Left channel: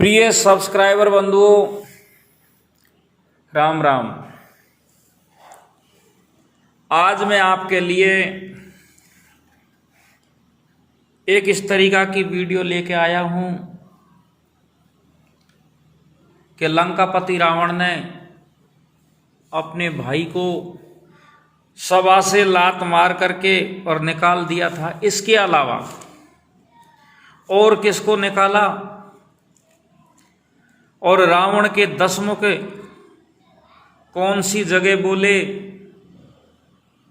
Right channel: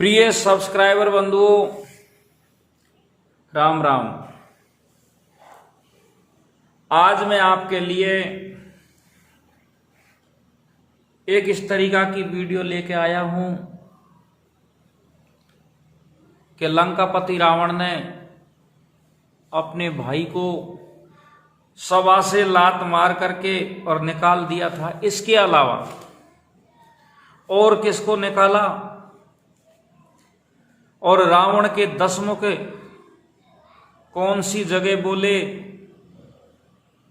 प्रिय सब्सक्राइबर बंधुओं, राम राम। आज मैं आपके लिए एक इस तरीका की वीडियो लेके आया हूं कि लंकापति रावण ने अपने भाई को सभा से लात मार करके और निकाल दिया था। इसके अलावा और किसको निकाला और रावण के 10 मुख कौन सी जगह बोले,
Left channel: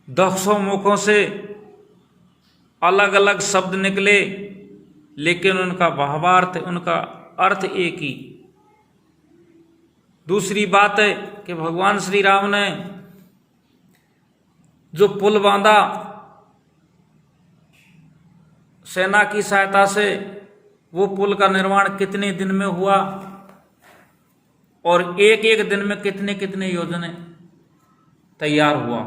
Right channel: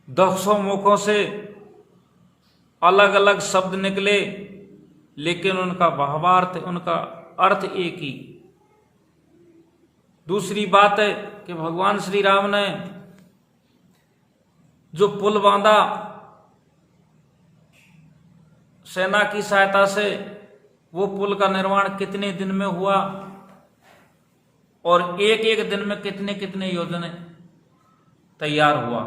10 मुखों से अलग अलग शब्द निकले, लेकिन उनका भावार्थ, उनका अर्थ एक ही। दूसरी बात है कि भगवान श्री राम ने जो पुल बांधा सेना की सहायता से, वो पुल का निर्माण कितने दिन में हुआ और एक एक दिन में कितने कितने योजनाएं तैयार हुआ।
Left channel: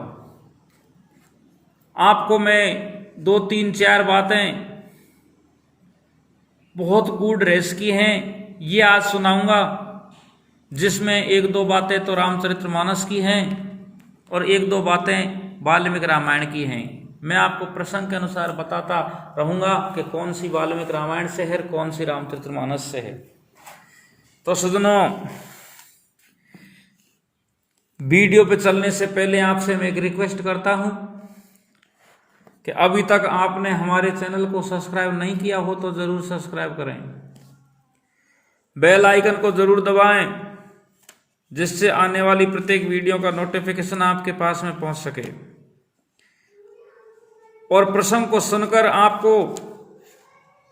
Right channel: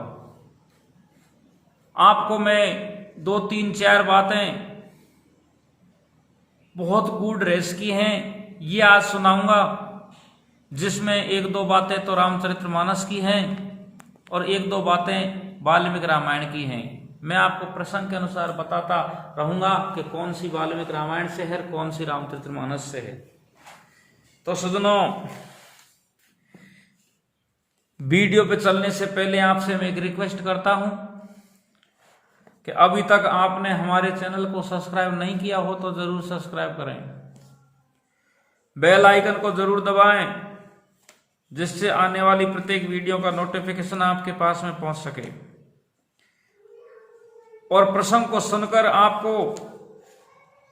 आपको मैं 2 3 4 बातें बहुत गूढ़ रहस्य की हैं, ये आज सुनाऊंगा, जिसमें 1-2 बातें तो रामचरितमानस की हैं और 1-2 बातें वाल्मीकि रामायण की हैं। मैं आपको प्रसंग के अनुसार बताता रहूंगा कि कौन सी वाल्मीकि रामायण से है, कौन सी रामचरितमानस से है। तो सज्जनों, वीडियो पे चलने से पहले आपसे मैं एक रिक्वेस्ट करता हूं कि अभी तक आपने हमारे चैनल को सब्सक्राइब नहीं किया हो तो जरूर सब्सक्राइब करें, बेल आइकन को जरूर दबाएं, जिससे आने वाली प्रत्येक वीडियो का नोटिफिकेशन आपके पास में पहुंच सके। और प्रसंग को सुनकर आपको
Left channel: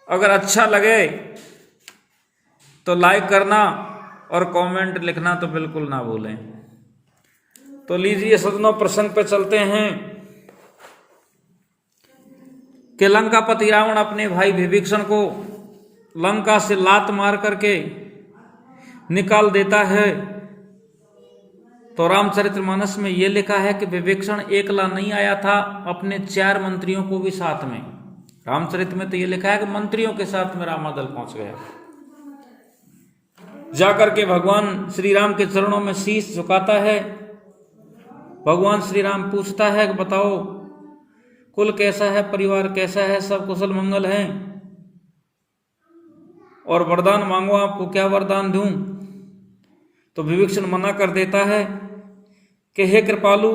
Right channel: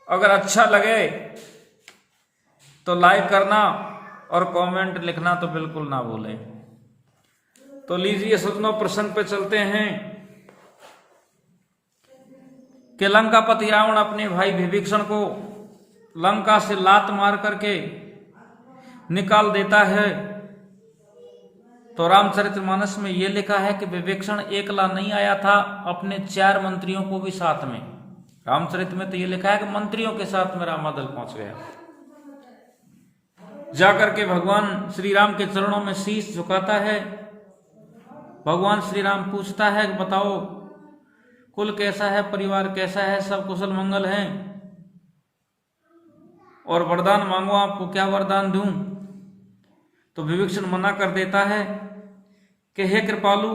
अगर अच्छा लगे तो लाइक करना और कमेंट लिखना तो बिल्कुल ना भूलें। तो लीजिए सज्जनों, प्रसंग पे चलते हैं कि लंकापति रावण अपने भाई विभीषण को लंका से लात मार करके निकाल देता है। तो रामचरितमानस में यह लिखा है कि विभीषण एकला नहीं आया था, अपने 4 मंत्रियों को भी साथ में। रामचरित में तो यह लिखा है कि मंत्रियों के साथ में रामादल पहुंच गया। जाकर के भगवान श्री राम के चरणों में शीश झुकाता है। भगवान श्री राम पूछता है कि बताओ कुल कैसा है, परिवार कैसा है, सब कुशल मंगल हैं, और वरदान मांगो, आपको क्या वरदान दूं। तो विभीषण मना कर देता है कि हे कृपालु,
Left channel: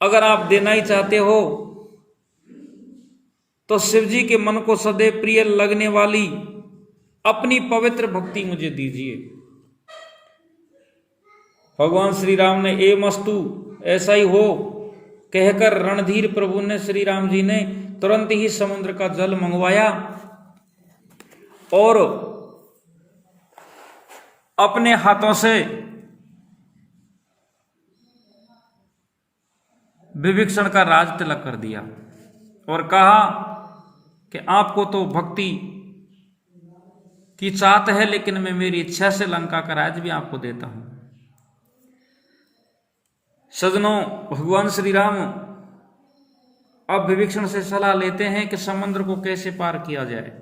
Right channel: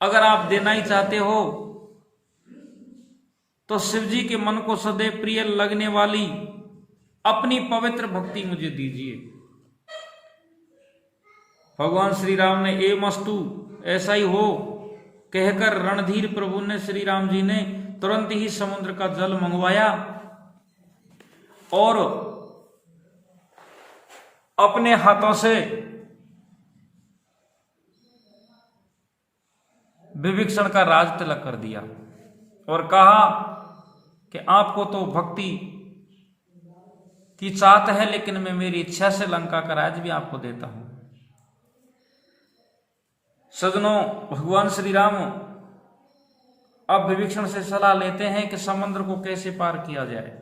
अगर आप देना ही चाहते हो तो शिव जी के मन को सदैव प्रिय लगने वाली अपनी पवित्र भक्ति मुझे दीजिए। भगवान श्री राम ने एवमस्तु, ऐसा ही हो, कहकर रणधीर प्रभु ने, श्री राम जी ने तुरंत ही समुद्र का जल मंगवाया और अपने हाथों से विभीषण का राज तिलक कर दिया और कहा कि आपको तो भक्ति की चाहत है, लेकिन मैं मेरी इच्छा से लंका का राज भी आपको देता हूं। सज्जनों, भगवान श्री राम अब विभीषण से सलाह लेते हैं कि समुद्र को कैसे पार किया जाए।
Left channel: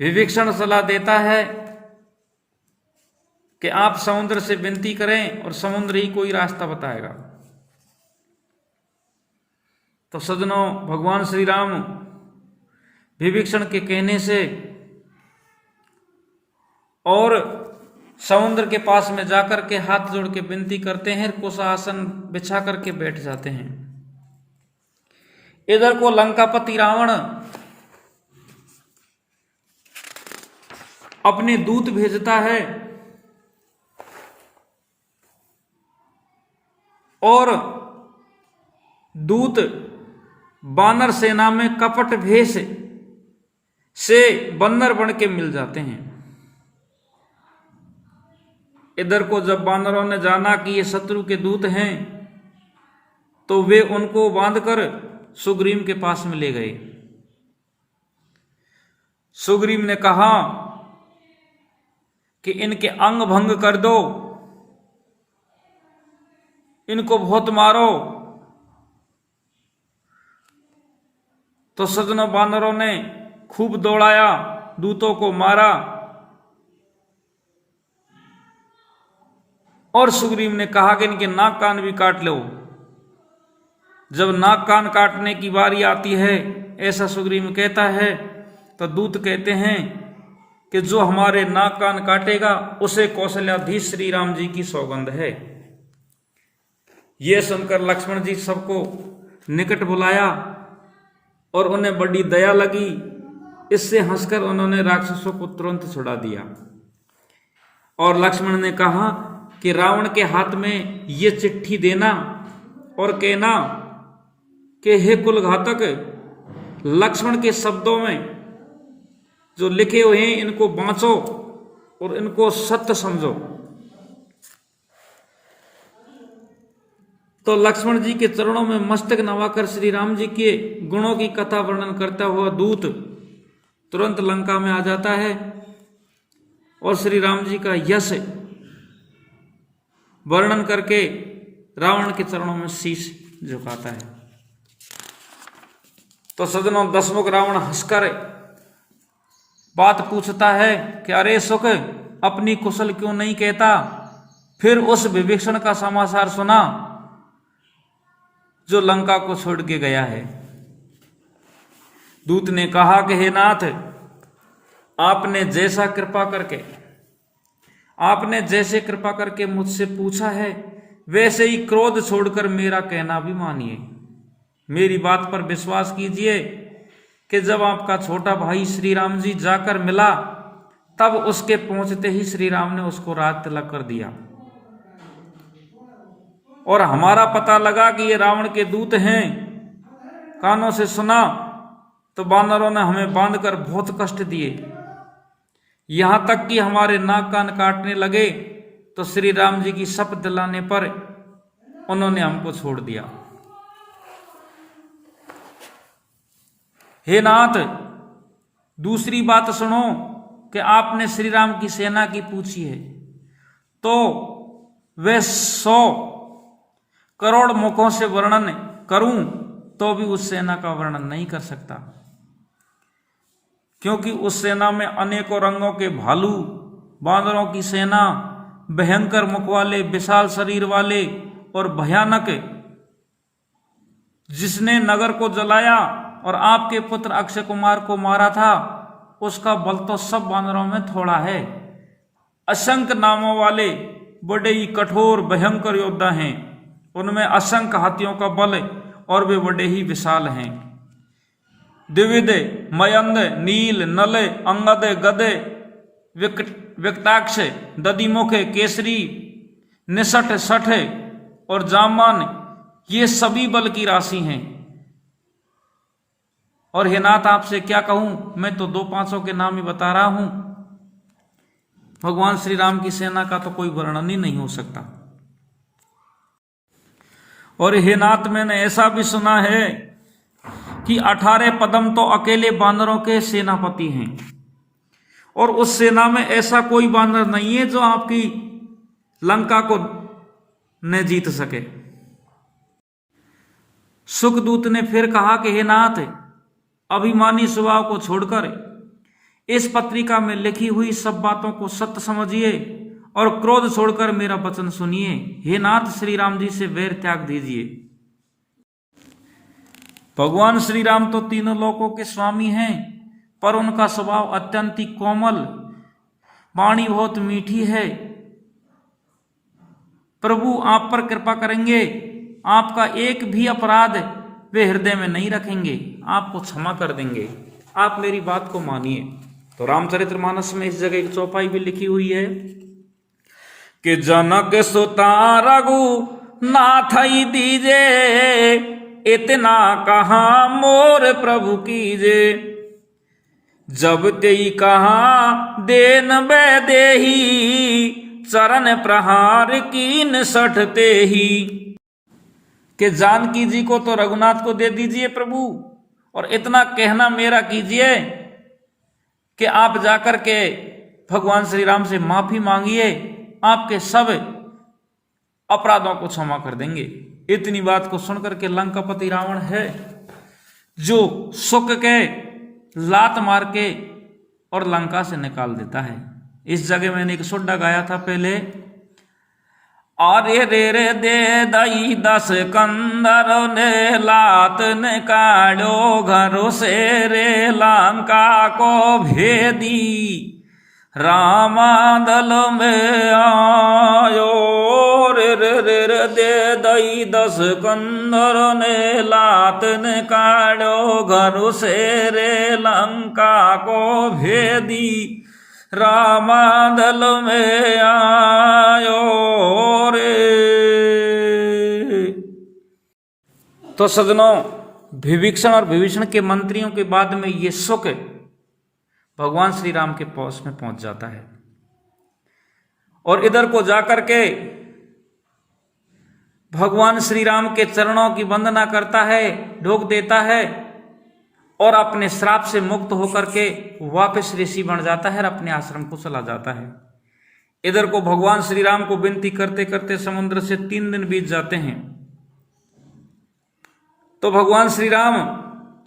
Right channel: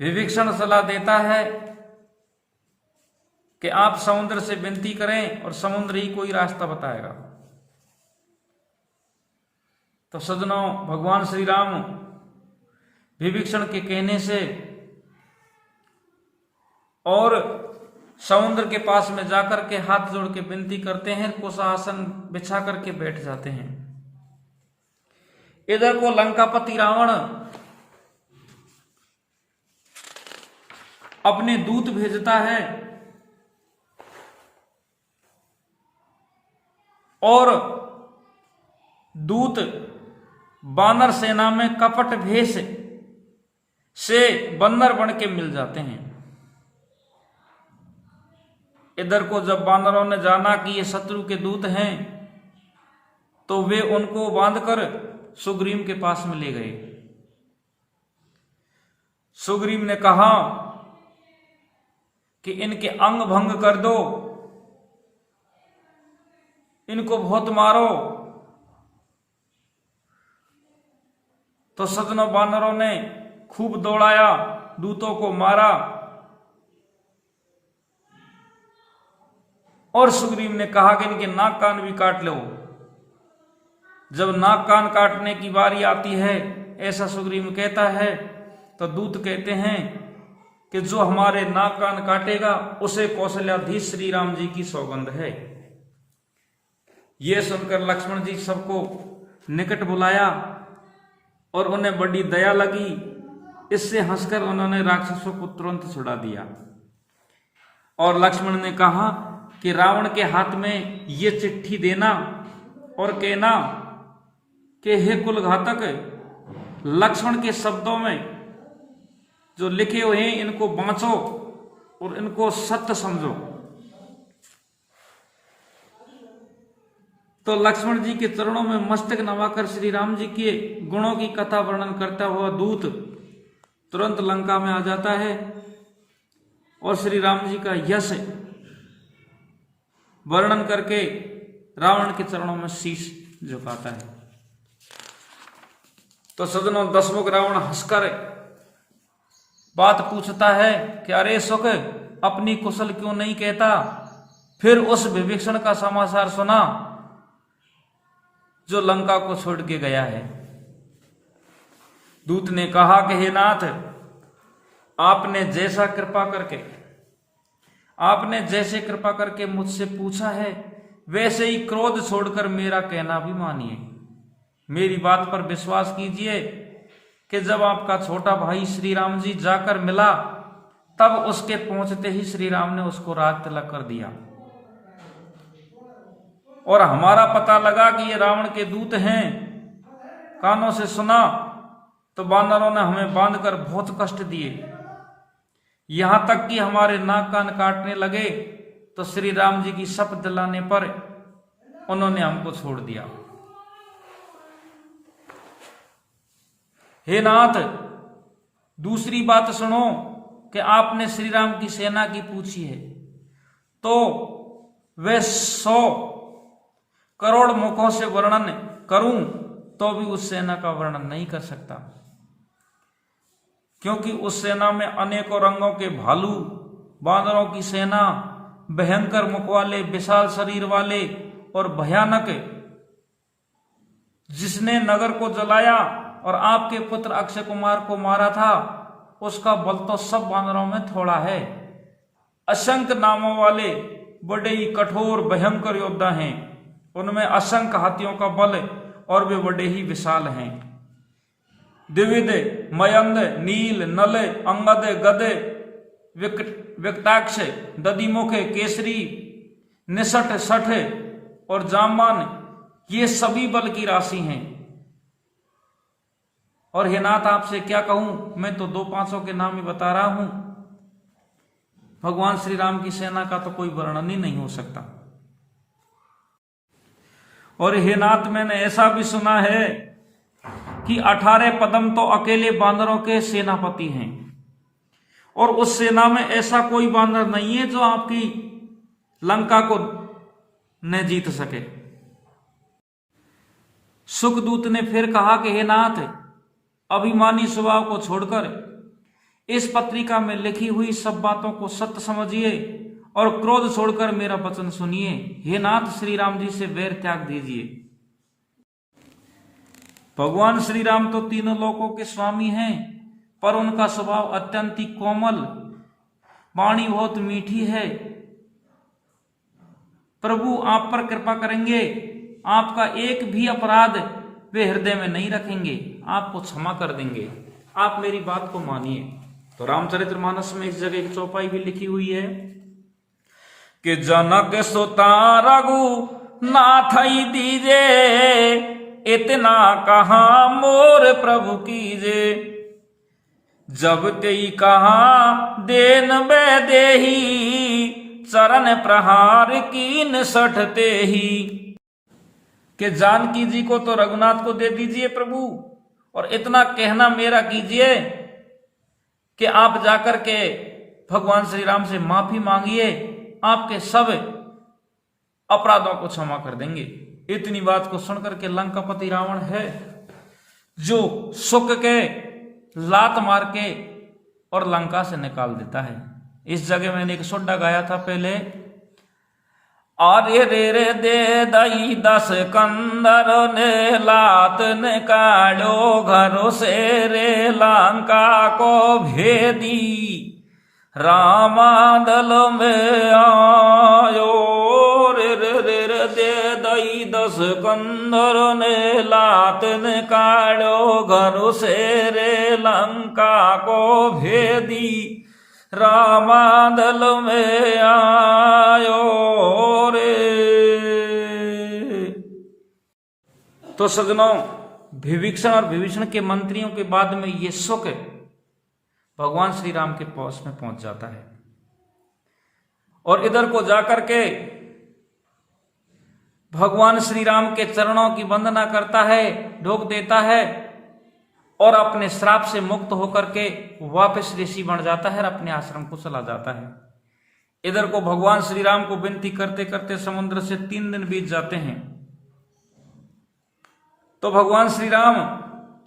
विभीषण सलाह देता है कि आप समुद्र से विनती करें और समुद्र ही कोई रास्ता बताएगा। तो सज्जनों, भगवान श्री राम विभीषण के कहने से और समुद्र के पास में जाकर के हाथ जोड़ के विनती करते हैं, कुशासन बिछा करके बैठ जाते हैं। इधर को लंकापति रावण अपने दूत भेजता है और दूत बानर सेना में कपट भेष से बंदर बन के मिल जाते हैं। इधर को जब बानरों ने जाना कि ये शत्रु के दूत हैं, तो वे उनको बांधकर सुग्रीव के पास में ले गए। सुग्रीव ने कहा कि इनके अंग भंग कर दो, इनको बहुत मारो। तो सज्जनों, बानरों ने खूब दौड़ाया, दूतों को मारा। और सुग्रीव ने कहा कि इनके नाक कान भी काट लो। जब नाक कान काटने की बारी आती है, ऐसा सुग्रीव कहता है, तो दूत कहते हैं कि जो हमारे नाक कान काटेगा उसे कौशल्याधीश श्री राम जी की सौगंध है। यह सुनकर लक्ष्मण जी सबको निकट बुलाया और उन्हें बड़ी दया लगी। इससे हंसकर उन्होंने राक्षसों को तुरंत छुड़ा दिया। और लक्ष्मण ने कहा कि रावण के हाथ में ये चिट्ठी देना और कहना कि हे कुल घातक, लक्ष्मण के शब्दों में जो लिखे हुए हैं इनको बांचो और इनको सत्य समझो। तो लक्ष्मण जी के चरणों में मस्तक नवाकर श्री राम जी के गुणों की कथा वर्णन करता हुआ दूत तुरंत लंका में आ जाता है और श्री राम जी का यश वर्णन करके रावण के चरणों में शीश झुकाता है। तो सजनों, दशमुख रावण हंसकर बात पूछता है कि अरे सुख, अपनी कुशल क्यों नहीं कहता? फिर उस विभीषण का समाचार सुना जो लंका को छोड़ के गया है। दूत ने कहा कि हे नाथ, आपने जैसे कृपा करके मुझसे पूछा है, वैसे ही क्रोध छोड़कर मेरा कहना भी मानिए। मेरी बात पर विश्वास कीजिए कि जब आपका छोटा भाई श्री राम जी जाकर मिला, तब उसके पहुंचते ही श्री राम ने उसको राज तिलक कर दिया और हमारा पता लगा कि ये रावण के दूत हैं। कानों से सुना तो वानरों ने हमें बांधकर बहुत कष्ट दिए, यहां तक कि हमारे नाक कान काटने लगे। तो श्री राम जी की शपथ दिलाने पर उन्होंने हमको छोड़ दिया। हे नाथ, दूसरी बात सुनो कि आपने श्री राम की सेना की पूछी है, तो वे 100 करोड़ मुखों से वर्णन करूं तो भी उस सेना का वर्णन नहीं कर सकता, क्योंकि उस सेना में अनेकों रंगों के भालू, बांदरों की सेना, भयंकर मुख वाले, विशाल शरीर वाले और भयानक, जिसने नगर को जलाया और आपके पुत्र अक्षय कुमार को मारा था, उसका बल तो सब बानरों में थोड़ा है। असंख्य नामों वाले बड़े ही कठोर भयंकर योद्धा हैं, उनमें असंख्य हाथियों का बल और वे बड़े ही विशाल हैं। द्विविध, मयंद, नील, नल, अंगद, गद, विकटाक्ष, दधिमुख, केसरी, निसठ, सठ और जामान, ये सभी बल की राशि हैं। और हे नाथ, आपसे क्या कहूं, मैं तो 2-5 के नाम ही बता रहा हूं। भगवान श्री राम की सेना का तो कोई वर्णन ही नहीं हो सकता। और हे नाथ, मैंने ऐसा भी सुना है कि 18 पदम तो अकेले बांदरों के सेनापति हैं, और उस सेना में ऐसा कोई बांदर नहीं है जो आपकी लंका को न जीत सके। सुखदूत ने फिर कहा कि हे नाथ, अभिमानी स्वभाव को छोड़कर इस पत्रिका में लिखी हुई सब बातों को सत्य समझिए और क्रोध छोड़कर मेरा वचन सुनिए। हे नाथ, श्री राम जी से वैर त्याग दीजिए। भगवान श्री राम तो तीनों लोकों के स्वामी हैं, पर उनका स्वभाव अत्यंत ही कोमल, वाणी बहुत मीठी है। प्रभु आप पर कृपा करेंगे, आपका एक भी अपराध वे हृदय में नहीं रखेंगे, आपको क्षमा कर देंगे। आप मेरी बात को मानिए। तो रामचरितमानस में इस जगह एक चौपाई भी लिखी हुई है कि जनक सुता रघु नाथ दीजे, इतना कहा मोर प्रभु कीजे। जब तेई कहा देन बै देही, चरण प्रहार कीन सठते ही। कि जानकी जी को तो रघुनाथ को दे दीजिए प्रभु, और इतना कहना मेरा कीजिए कि आप जाकर के भगवान श्री राम से माफी मांगिए, आपके सब अपराधों को क्षमा कर देंगे। इतनी बात को सुनकर के लंकापति रावण है, जो सुख के लात मार के और लंका से निकाल देता है। इस जगह मैंने एक सोडा गाया था पहले, अरे रे रे दे दई 10 कंदर ने लात निकालो घरों से रे लंका को भेदी, रामादल में आयो रे रे रे रे दे दई 10 कंदर ने लात निकालो घरों से रे लंका को भेदी, रामादल में आयो रे। तो सजनों, विभीषण और विभीषण के मंत्रियों के बाद में ये सुख भगवान श्री राम के पास में पहुंच जाता है और इधर को जाकर के भगवान श्री राम के चरणों की वंदना करता है, ढोक देता है और अपने श्राप से मुक्त होकर के वापस ऋषि बन जाता है और अपने आश्रम को चला जाता है। इधर को भगवान श्री राम को विनती करते करते समुद्र से 3 दिन बीत जाते हैं। तो भगवान श्री राम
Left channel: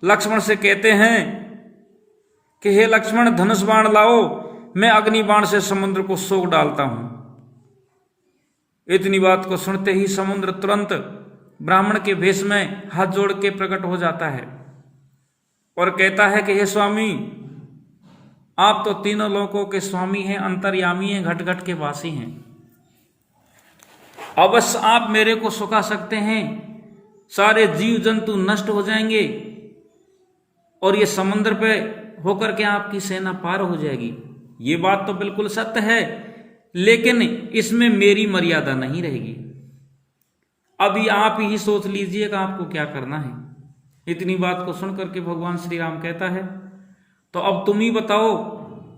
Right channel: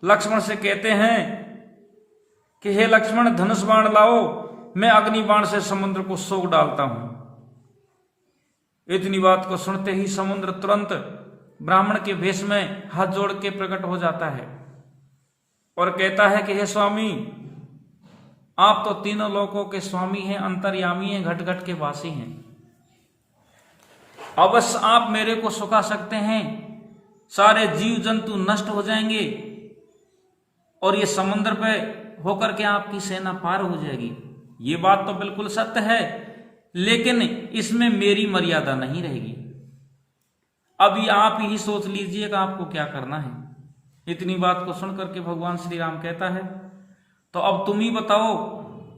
लक्ष्मण से कहते हैं कि हे लक्ष्मण, धनुष बाण लाओ, मैं अग्नि बाण से समुद्र को सोख डालता हूं। इतनी बात को सुनते ही समुद्र तुरंत ब्राह्मण के भेष में हाथ जोड़ के प्रकट हो जाता है और कहता है कि हे स्वामी, आप तो तीनों लोकों के स्वामी हैं, अंतर्यामी हैं, घट घट के वासी हैं। अवश्य आप मेरे को सुखा सकते हैं, सारे जीव जंतु नष्ट हो जाएंगे और ये समुद्र पे होकर के आपकी सेना पार हो जाएगी। ये बात तो बिल्कुल सत्य है, लेकिन इसमें मेरी मर्यादा नहीं रहेगी। अभी आप ही सोच लीजिएगा आपको क्या करना है। इतनी बात को सुनकर के भगवान श्री राम कहता है, तो अब तुम ही बताओ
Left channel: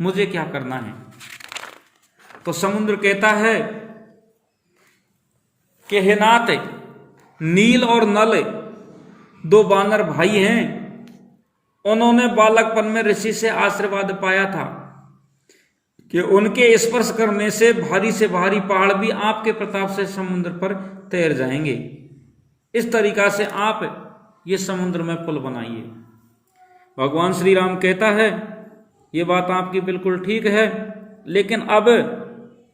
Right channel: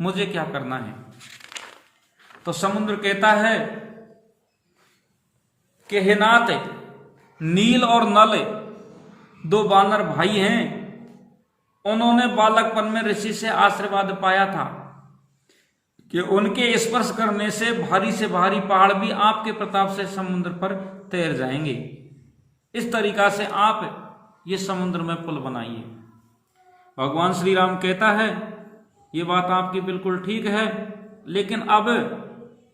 मुझे क्या करना है। तो समुद्र कहता है कि हे नाथ, नील और नल 2 वानर भाई हैं, उन्होंने बालकपन में ऋषि से आशीर्वाद पाया था कि उनके स्पर्श करने से भारी से भारी पहाड़ भी आपके प्रताप से समुद्र पर तैर जाएंगे। इस तरीका से आप ये समुद्र में पुल बनाइए। भगवान श्री राम कहता है, ये बात आपकी बिल्कुल ठीक है, लेकिन अब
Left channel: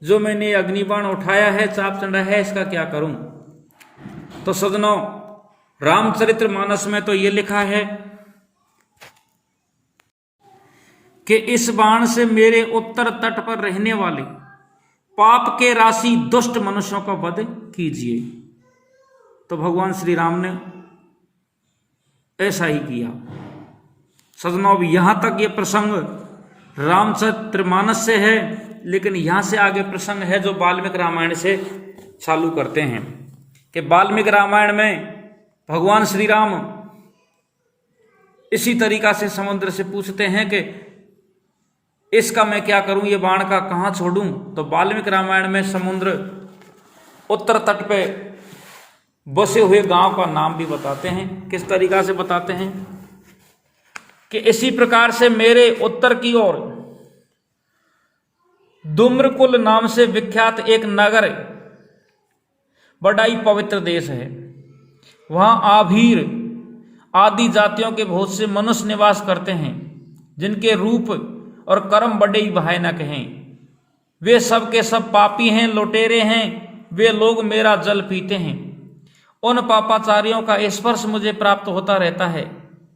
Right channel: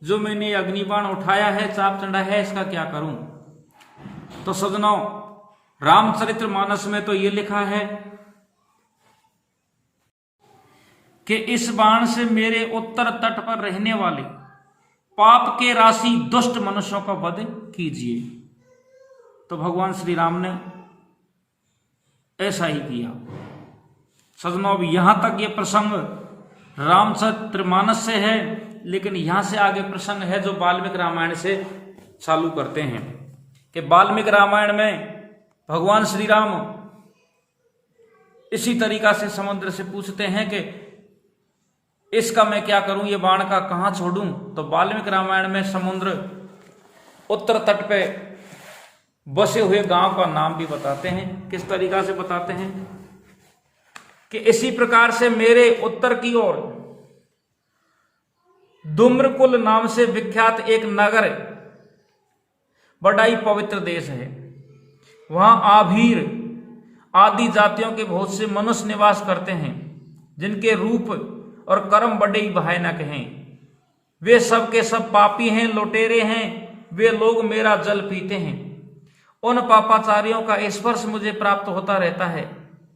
जो मैंने अग्निबाण उठाया है, चाप चढ़ा है, इसका क्या करूं। तो सजनों, रामचरितमानस में तो ये लिखा है कि इस बाण से मेरे उत्तर तट पर रहने वाले पाप के राशि दुष्ट मनुष्यों का वध कीजिए। तो भगवान श्री राम ने ऐसा ही किया। सजनों, अब यहां तक ये प्रसंग रामचरितमानस से है, लेकिन यहां से आगे प्रसंग है जो वाल्मीकि रामायण से चालू करते हैं कि वाल्मीकि रामायण में भगवान श्री राम इसी तरीका से समुद्र से पूछते हैं कि इसका मैं क्या करूं, ये बाण का कहां छोड़ूं। तो वाल्मीकि रामायण में समुद्र उत्तर तट पे बसे हुए गांव का नाम भी बताते हैं। किस तरीका से बताते हैं कि इसी प्रकार से मेरे उत्तर की ओर दुम्रकुल नाम से विख्यात एक नगर बड़ा ही पवित्र देश है। वहां आभीर आदि जातियों के बहुत से मनुष्य निवास करते हैं, जिनके रूप और कर्म बड़े ही भयानक हैं। वे सब के सब पापी हैं, लुटेरे हैं। वे लोग मेरा जल पीते हैं। उन पापाचारियों का स्पर्श मुझे प्राप्त होता रहता है।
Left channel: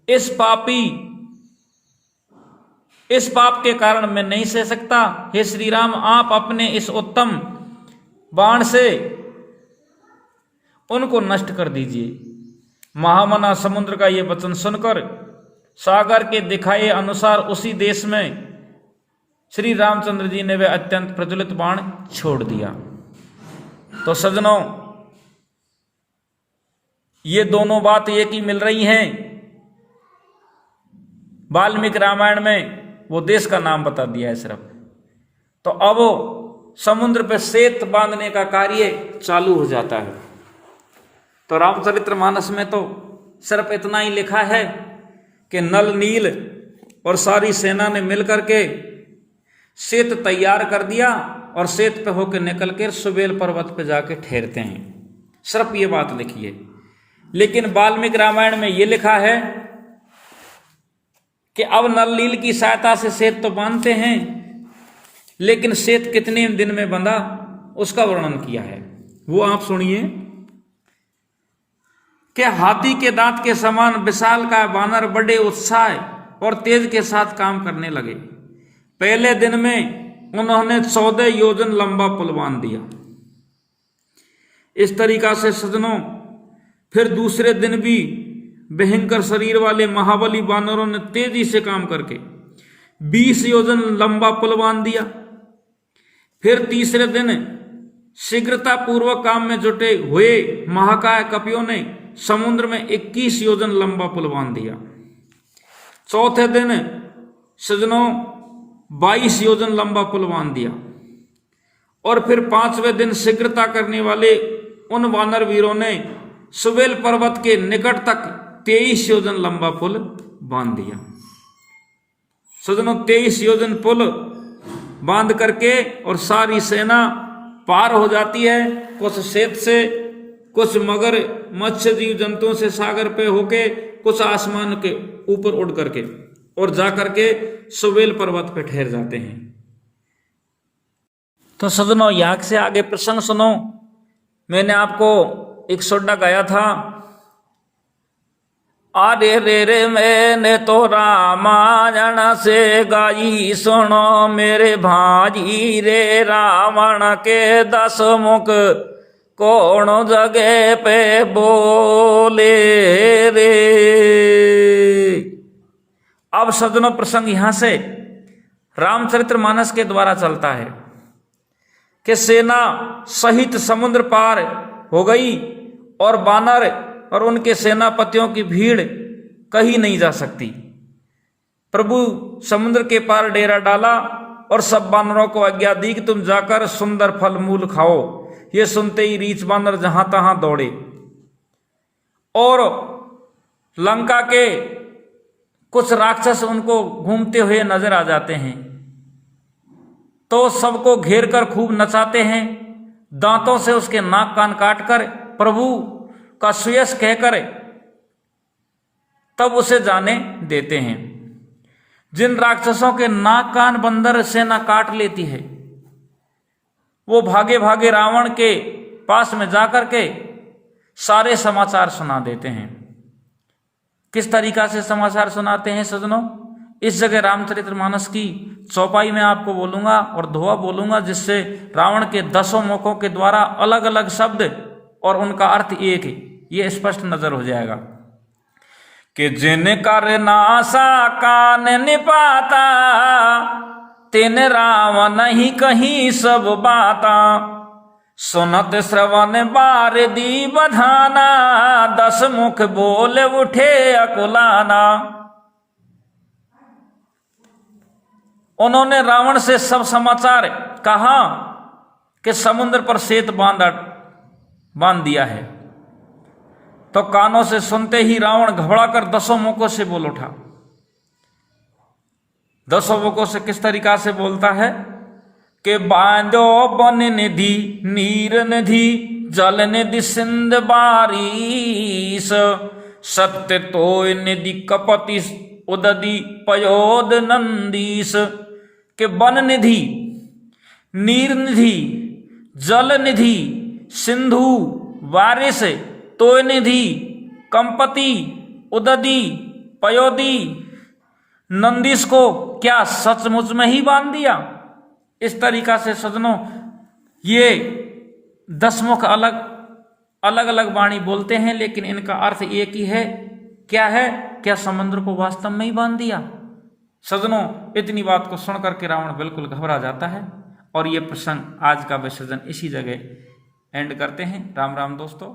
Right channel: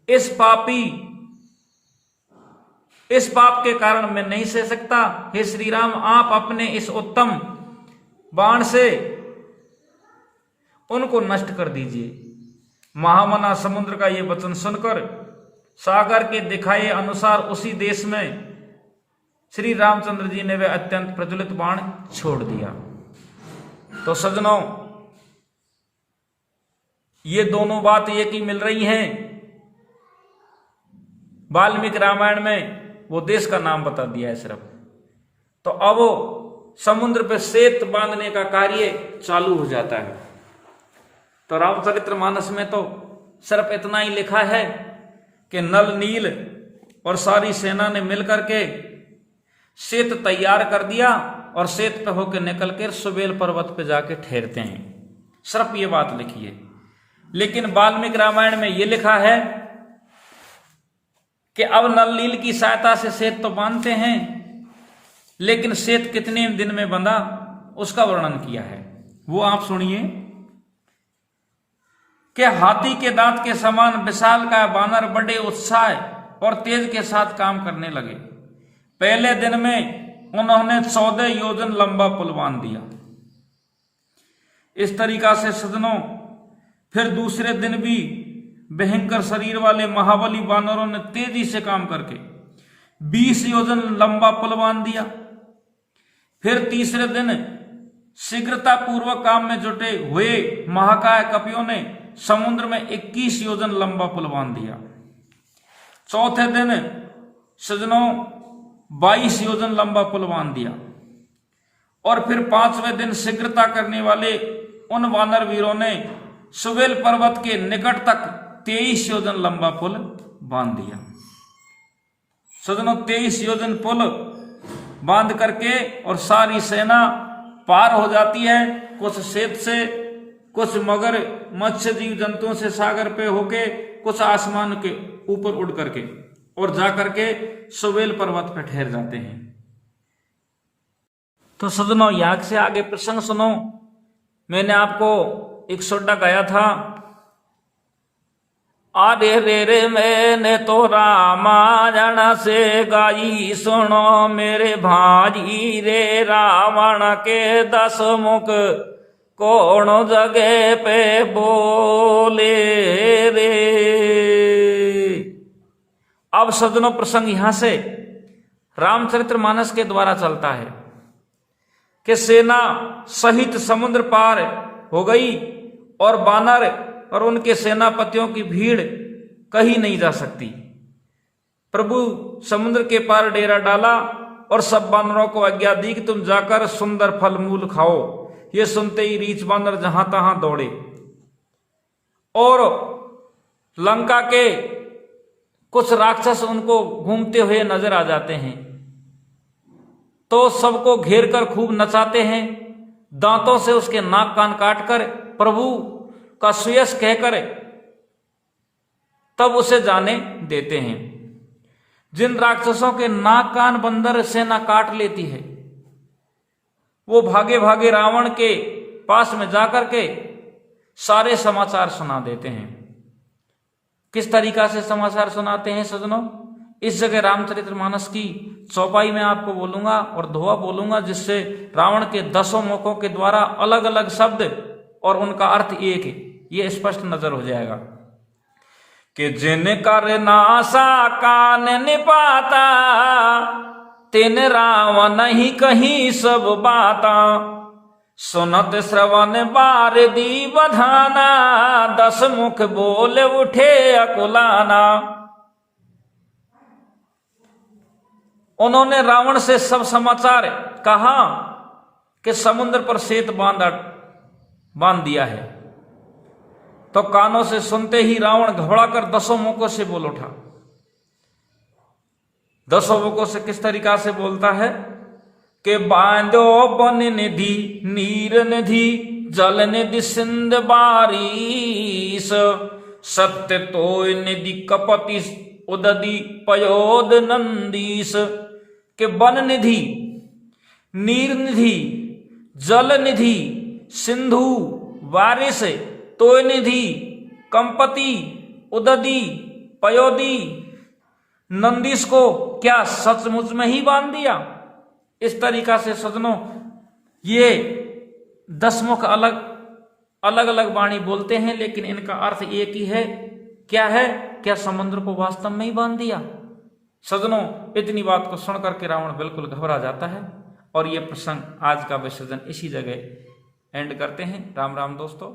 इस पाप के कारण मैं नहीं सह सकता। हे श्री राम, आप अपने इस उत्तम बाण से उनको नष्ट कर दीजिए। महामना समुद्र का ये वचन सुनकर सागर के दिखाए अनुसार उसी देश में श्री रामचंद्र जी ने वे अत्यंत प्रज्वलित बाण छोड़ दिया। तो सज्जनों, ये दोनों बात एक ही मिल रही हैं। वाल्मीकि रामायण में वो देश का नाम बता दिया है सिर्फ। तो अब समुद्र पे सेत बांधने का कार्य चालू हो जाता है। तो रामचरितमानस में तो सिर्फ इतना ही लिखा है कि नल नील और सारी सेना ने मिलकर के सेत तैयार कर दिया और सेत पे होकर निकल कर सुबेल पर्वत पे जाके ठहरते हैं। सिर्फ ये बात लिखी है। लेकिन वाल्मीकि रामायण में ये लिखा है कि अब नल नील की सहायता से सेत तो बांधते हैं, लेकिन सेत कितने दिन में बंधा उसका वर्णन किया है, वो आप सुनिए कि हाथी के दांत के समान विशाल का बानर बड़े उत्साह और तेज के साथ काम करने लगे। पहले दिन में उन्होंने 14 योजन लंबा पुल बांध दिया। इस तरीका से सज्जनों फिर दूसरे दिन भी भयंकर शरीर वाले महाबली बानरों ने तेजी से काम करके 20 योजन लंबा पुल बांध दिया। फिर तीसरे दिन शीघ्रता पूर्वक काम में जुटे हुए महाकाय कपियों ने समुद्र में 21 योजन लंबा पुल बांध दिया। चौथे दिन सज्जनों 22 योजन लंबा पुल बांध दिया। और फिर 5वें दिन शीघ्रता करने वाले उन वानर वीरों ने सुबेल पर्वत के निकट तक 23 योजन लंबा पुल बांध दिया। सज्जनों 23 योजन पुल बांध करके और सारी सेना पार हो जाती है, कुछ सेत से, कुछ मगर मत्स्य जीव जंतुओं से सागर पे होके, कुछ आसमान के ऊपर उड़ करके और जा करके सुबेल पर्वत पे ठहर जाते हैं। तो सज्जनों यहाँ से आगे प्रसंग सुनो। मैंने आपको एक सोडा गाया था, अरे रे रे मैंने तो रामायण से गाई सुनो मेरे भाई रे, रावण के 10 मुख कौन जगह पे बोले रे। अब सज्जनों प्रसंग यहां से रामचरितमानस के द्वारा चलता है कि सेना सहित समुद्र पार हो गई और बानर और उनके सेनापतियों की भीड़ कहीं नहीं जा सकती। प्रभु समुद्र के पार डेरा डाला और सब बानरों को आज्ञा दी कि तुम जाकर सुंदर फल मूल खाओ। ये सुनते ही रीछ बानर जहां तहां दौड़े और लंका के कुछ राक्षस उनको घूमते हुए नजर आ जाते हैं, तो सबको घेर कर खूब नचाते हैं, दांतों से उसके नाक कान काटकर प्रभु का सुयश कहकर तब उसे जाने देते हैं। जिन राक्षसों के नाक कान बंदर सेना काट लेती है, वो भागे भागे रावण के पास में जाकर के सारे समाचार सुना देते हैं। किस तरीका से समाचार सुनाते हैं सज्जनों, इस जगह रामचरितमानस की चौपाई में आपको बोलूंगा और दोहा बोलूंगा, जिससे रावण के 10 मुखों के द्वारा अलग अलग शब्द और उनका अर्थ एक ये स्पष्ट नजर हो जाएगा। कि जिन कर नासा कान निपाता, तिन रावण नहीं कहीं सब बाता, सुनत श्रवण बार दी बधाना, 10 मुख बोल उठे अकुलाना। उन्होंने रावण से सब समाचार कहा कि समुद्र पर सेत बांध दिया है, तो कानों से सुनते ही रावण घबराकर 10 मुखों से बोल उठा। 10 मुखों से किस तरीका से बोलता है कि बांधो बन निधि नीर निधि, जल निधि सिंध बारिश, सत्य तो निधि कपति उदधि पयोद नंदीस। के वन निधि, नीर निधि, जल निधि, सिंधु वारिस, तोय निधि, कंपति, उदधि, पयोदी, नंदीस को क्या सचमुच में ही बांध दिया। इस तरीका से सज्जनों ये 10 मुख अलग अलग वाणी बोलते हैं, लेकिन इनका अर्थ एक ही है। क्या है? क्या समुद्र को वास्तव में ही बांध दिया। सज्जनों इतनी बात को सुन करके रावण बिल्कुल घबरा जाता है और ये प्रसंग आज का विसर्जन इसी जगह एंड करते हैं। राम राम दोस्तों।